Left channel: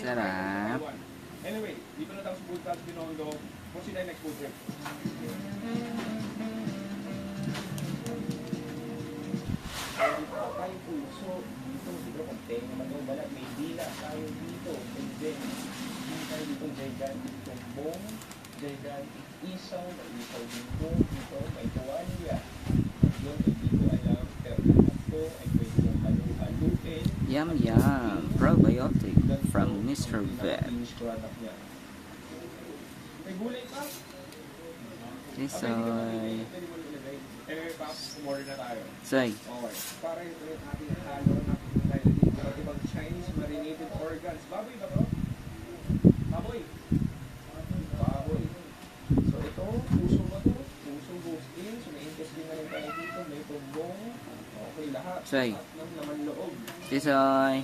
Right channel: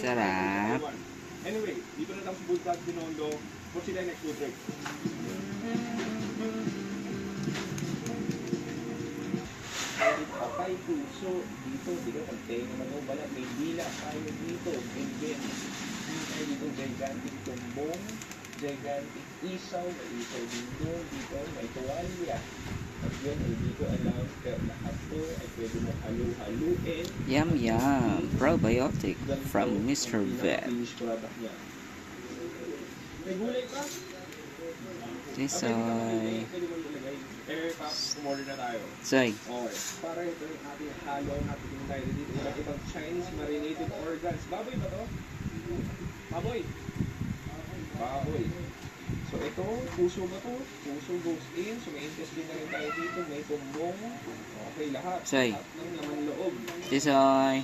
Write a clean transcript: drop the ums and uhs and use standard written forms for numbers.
Sarap. Anyway, dito na tayo sa Bulldog Binondo. Kung sila nag-food trip. Patay puso dito. Dito, pagkaya naman yung balat. May dila tayo dito. May ben. Dito dito, gigantic tumbong. Gigantic isaw. May isaw dito. Dito, may tuwalya. Yun, ay dito alam. Pero ito ay pwede mong halu-haluin. Yum yum. Probiotic from Mr. Vet. May gulay pa? Tisoy. Umorder na tayo. Soy. Okay. Para ito natin halo na tayo dito. Ibang Chinese marinated organs. Baboy ba to? Baboy. Baboy. So ito, puso ba to? Puso goes in. So may intestine na rin tayo dito. May tumbong. Okay, lahat. Soy. Lahat ng laman loob. Tisoy.